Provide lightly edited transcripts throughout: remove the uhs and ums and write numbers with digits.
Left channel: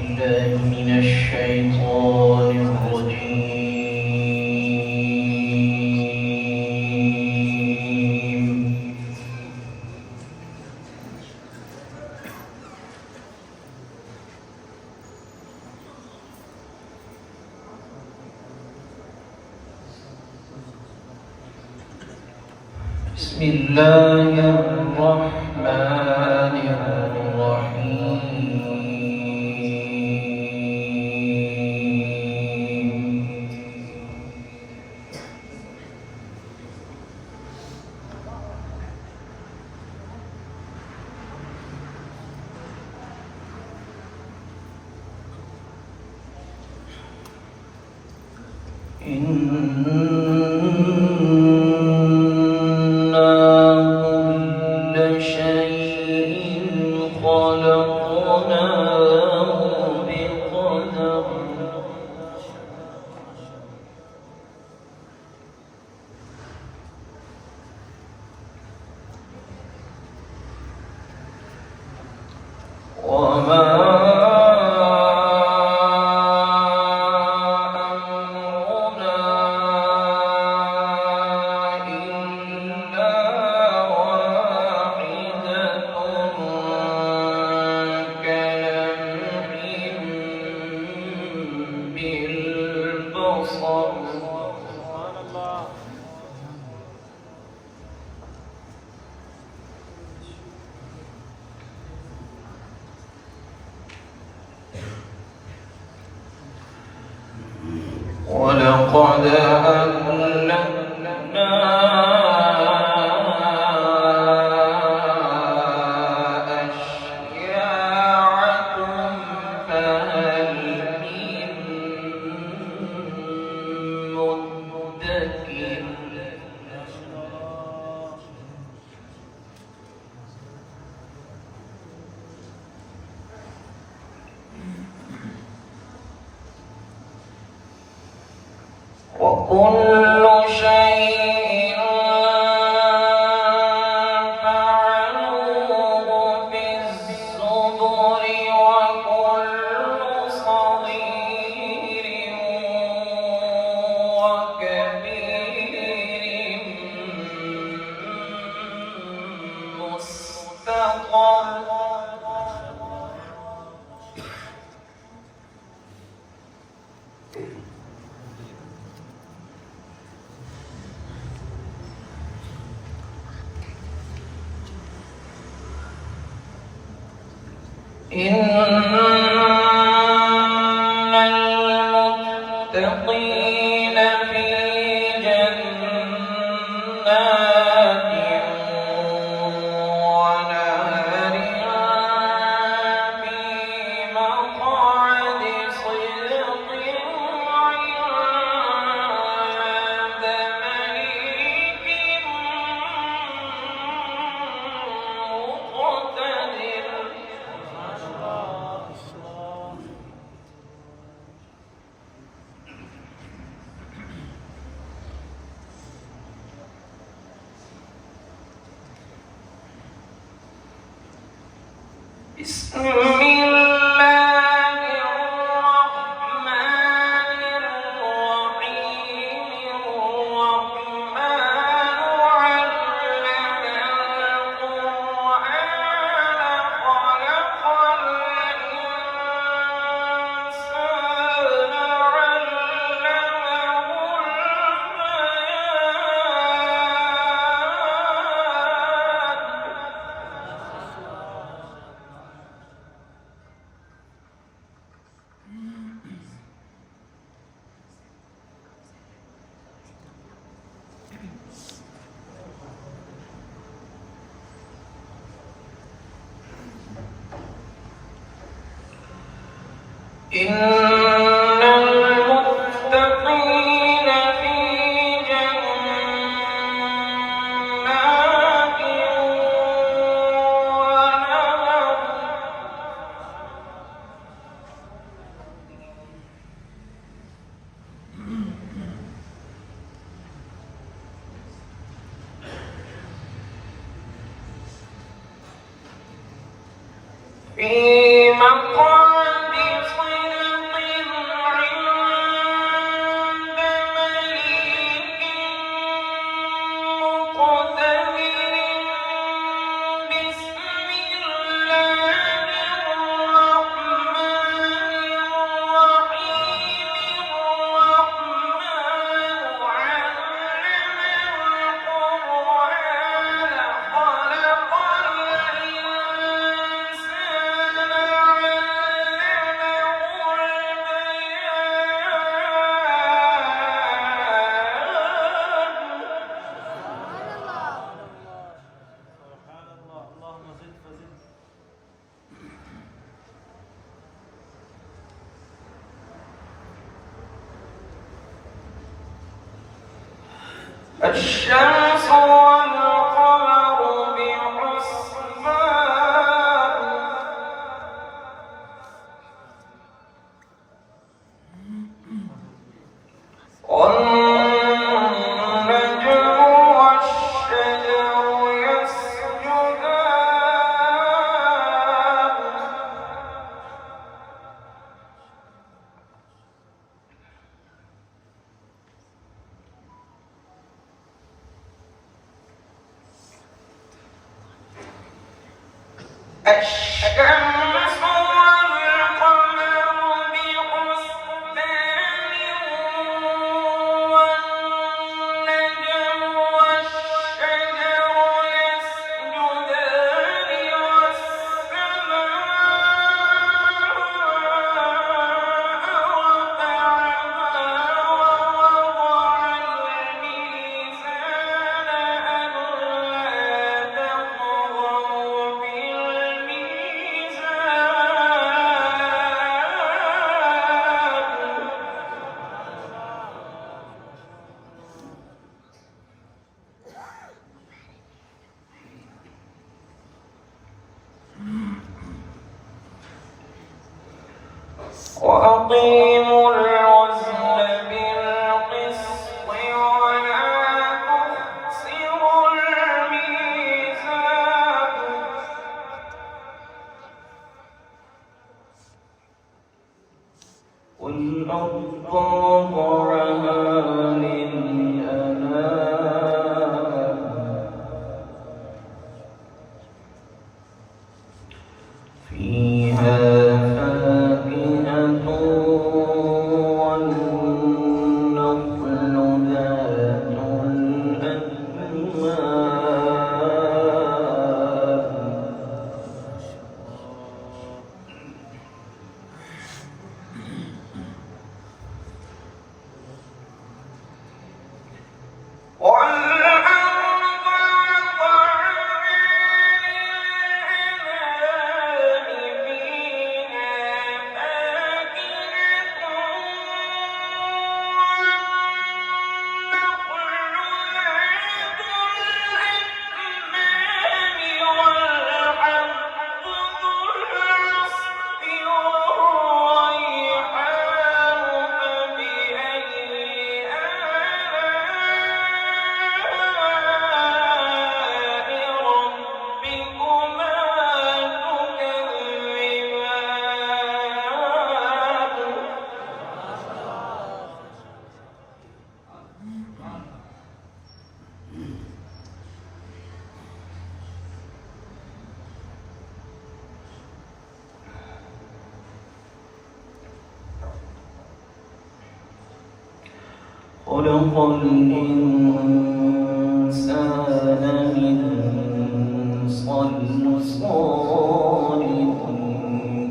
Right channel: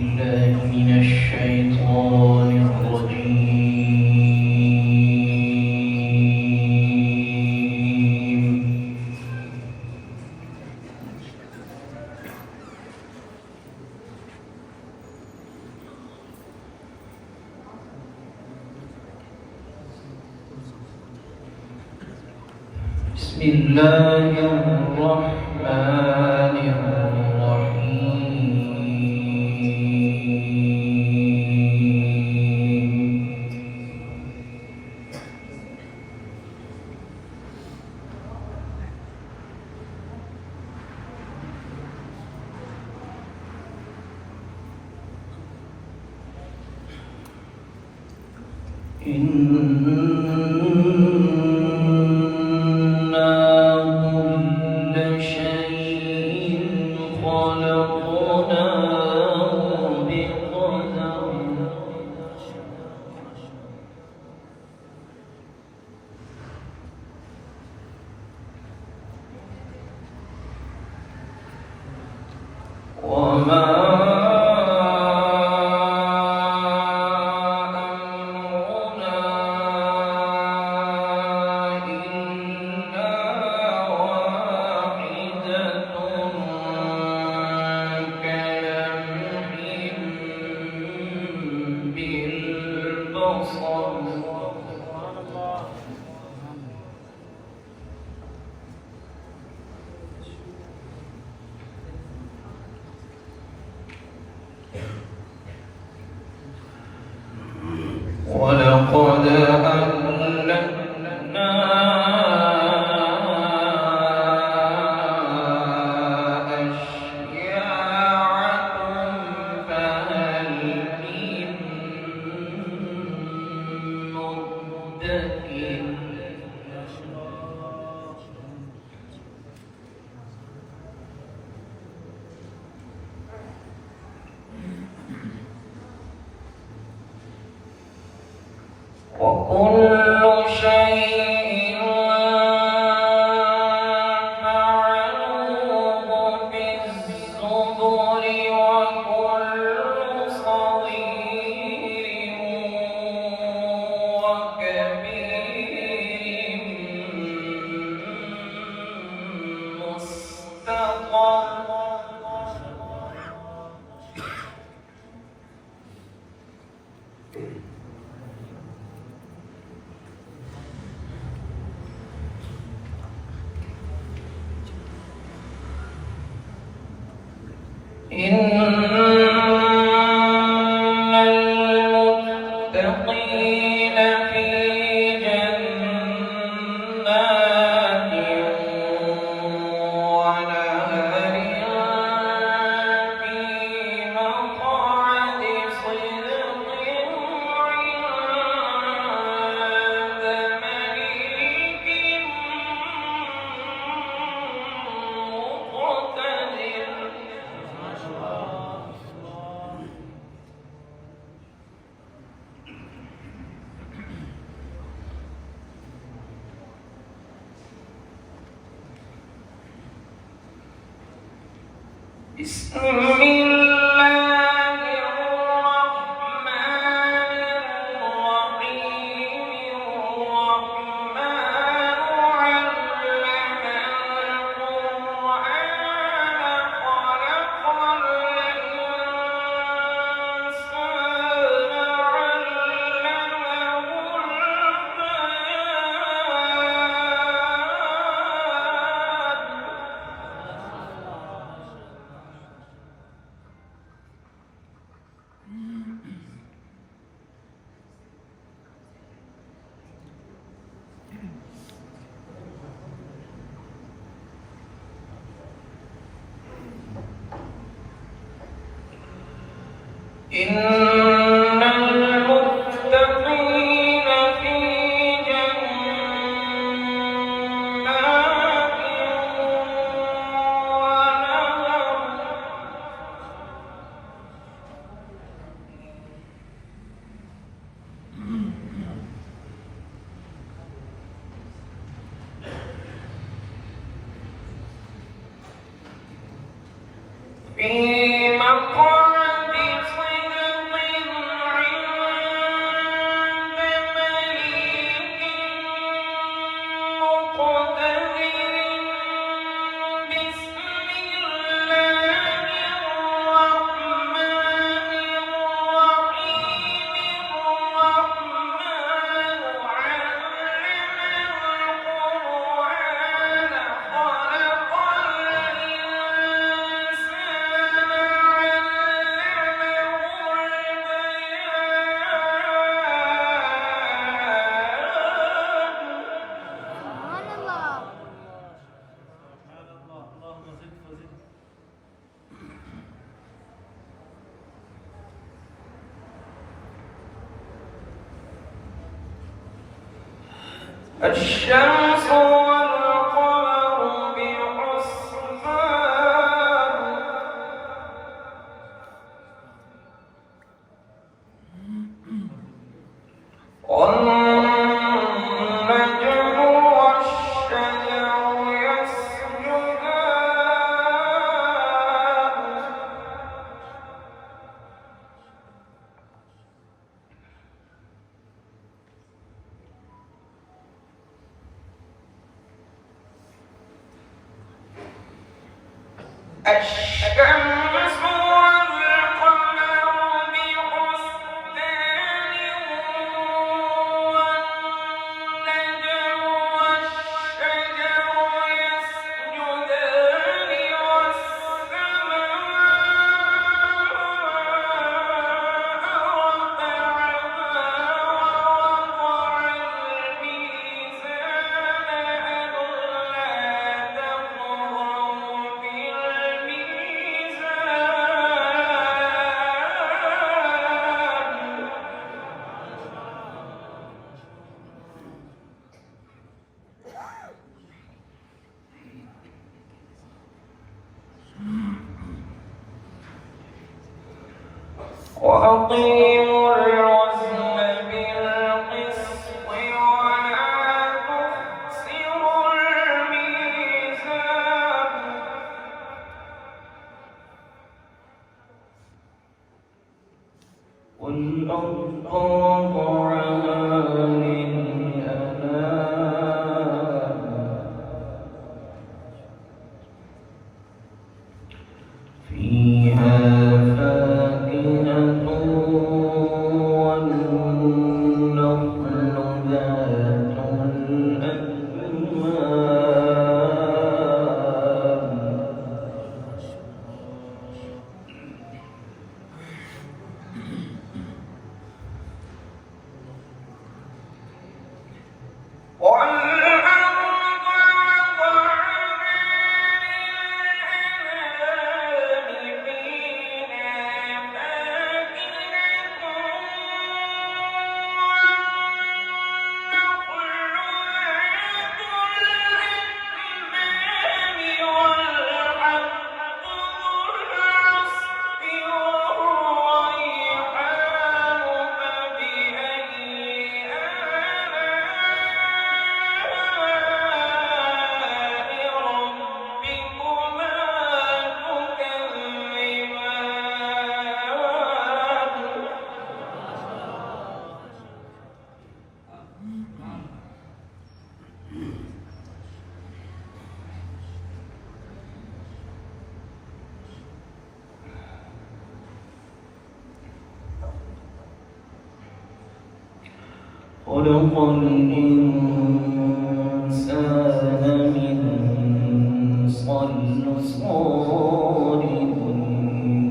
بالله من الشيطان الرجيم. بسم الله الرحمن الرحيم. كل شيء خلقناه بقدر. وما ولقد أهلكنا أشياعكم فهل من مدكر. وكل شيء فعلوه في الزبر. وكل صغير وكبير مستقر. إن المتقين في جنات ونهر في مقعد صدق عند مليك مقتدر. بسم الله الرحمن الرحيم. الرحمن علم القرآن خلق الإنسان علمه إن المتقين في جنات ونهر. في مقعد الشمس والقمر بحسبان والنجم والشجر يسجدان الشمس والقمر بحسبان والنجم والشجر يسجدان والسماء رفعها ووضع الميزان ألا تطغوا في الميزان وأقيموا الوزن بالقسط ولا تخسروا الميزان والأرض وضعها للأنام فيها فاكهة والنخل ذات الأكمام والأرض وضعها للأنام فيها فاكهة والنخل ذات الأكمام والحب ذو العصف والريحان فبأي آلاء ربكما تكذبان خلق الإنسان من صلصال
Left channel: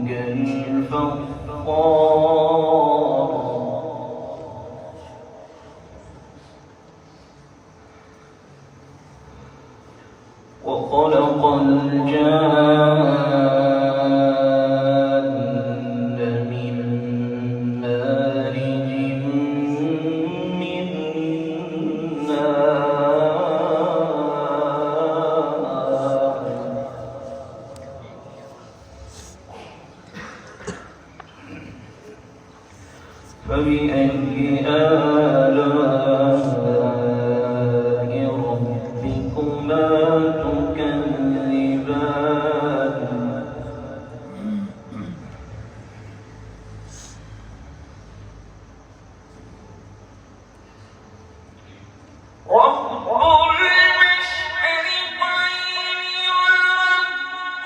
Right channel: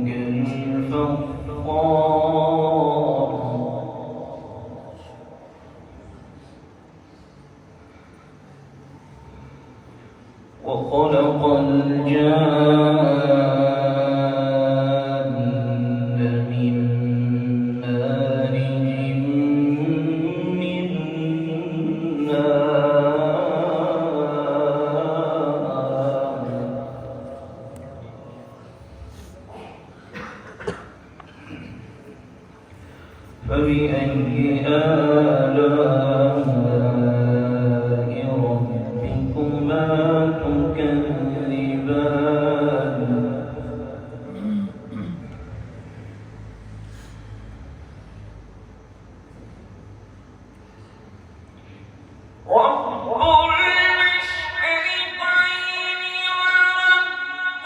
كالفخار وخلق الجان من مارج من نار فبأي آلاء ربكما تكذبان رب المشرقين ورب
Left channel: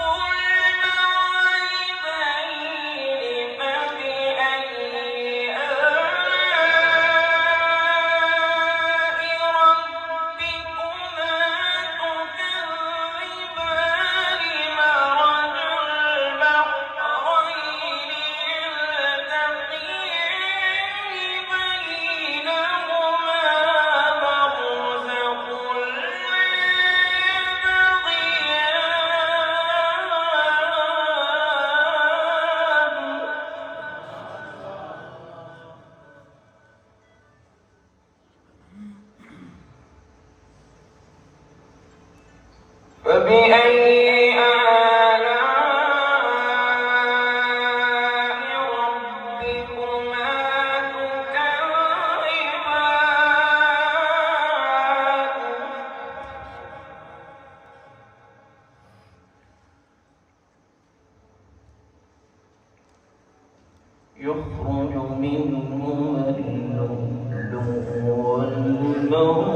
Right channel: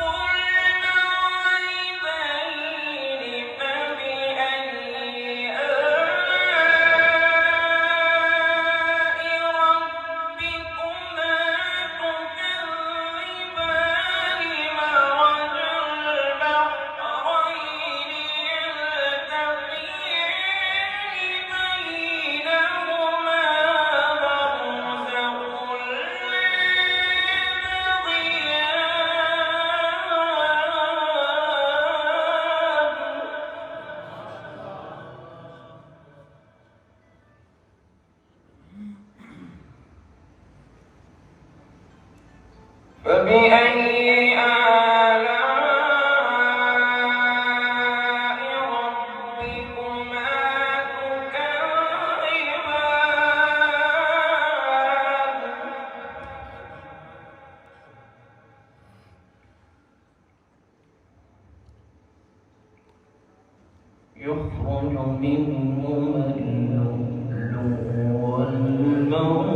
المغربين فبأي آلاء يخرج منهما اللؤلؤ والمرجان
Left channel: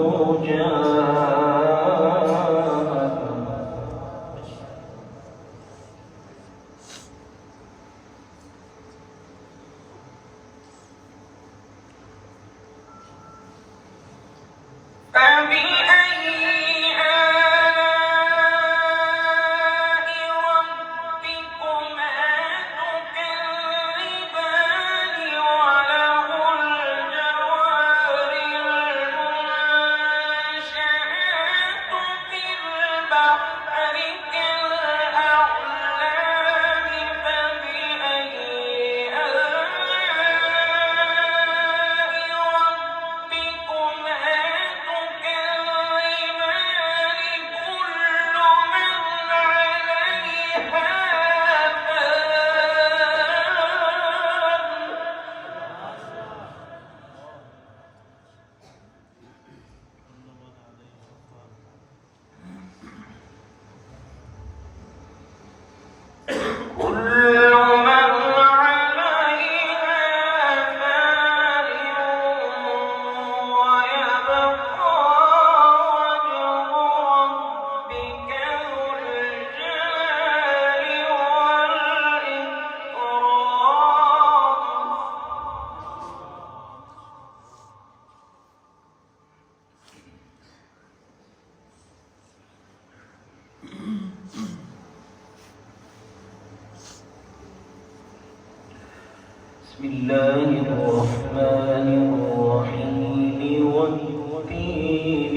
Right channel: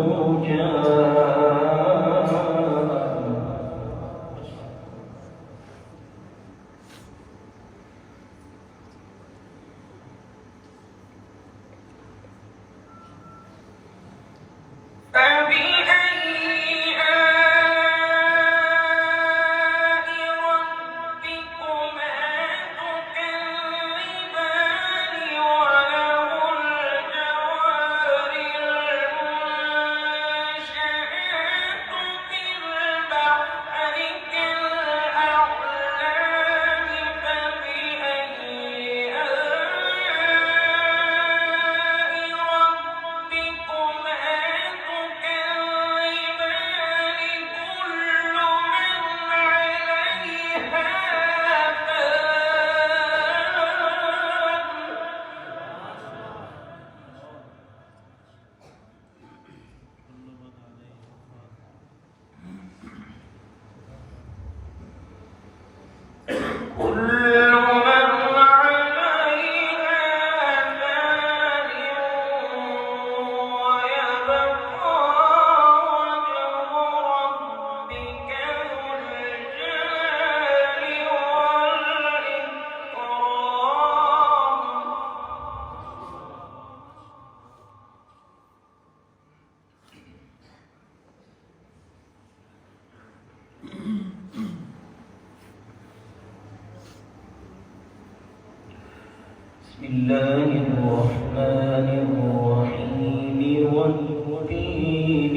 بسم الله الرحمن الرحيم والتين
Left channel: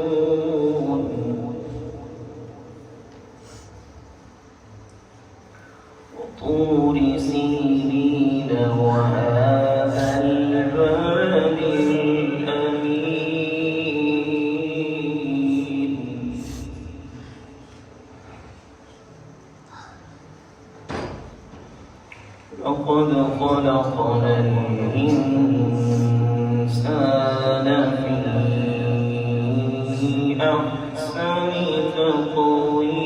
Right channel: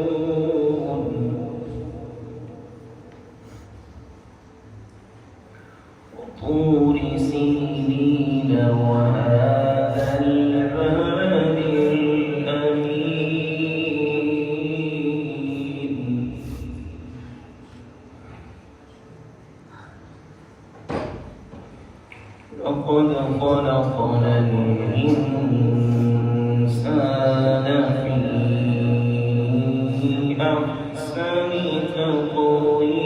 والزيتون وطور سينين وهذا البلد الأمين لقد خلقنا الإنسان في أحسن تقويم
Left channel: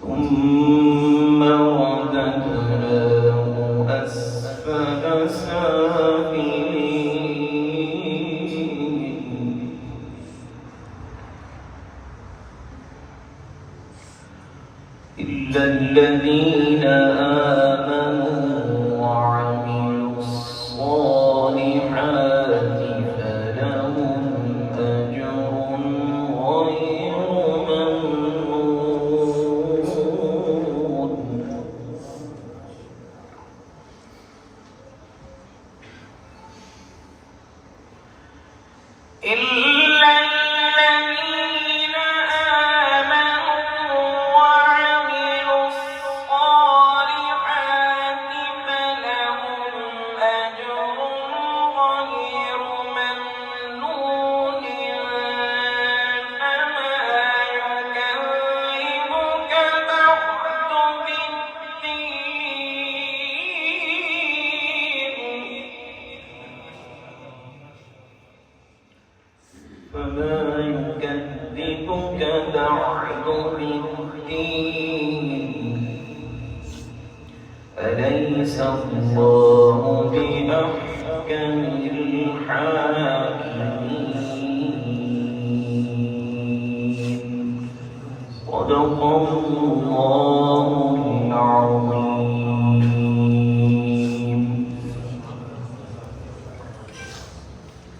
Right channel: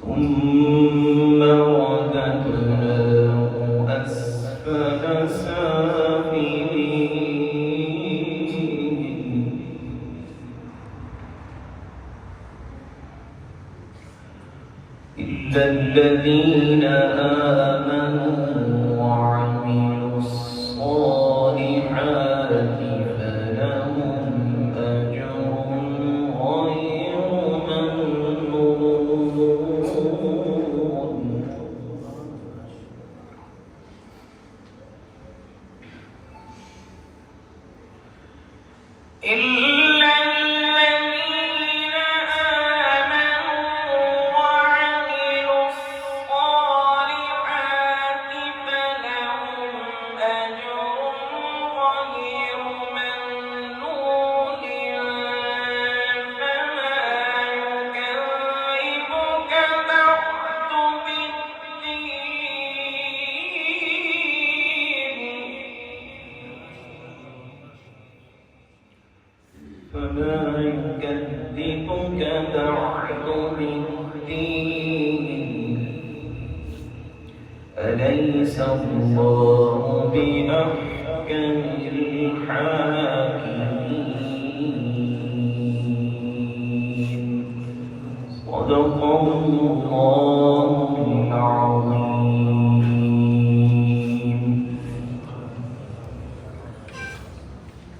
ثم رددناه أسفل سافلين إلا الذين آمنوا وعملوا الصالحات فلهم أجر غير ممنون إلا الذين آمنوا وعملوا الصالحات فلهم أجر غير ممنون فما يكذبك بعد بالدين أليس الله بأحكم الحاكمين صدق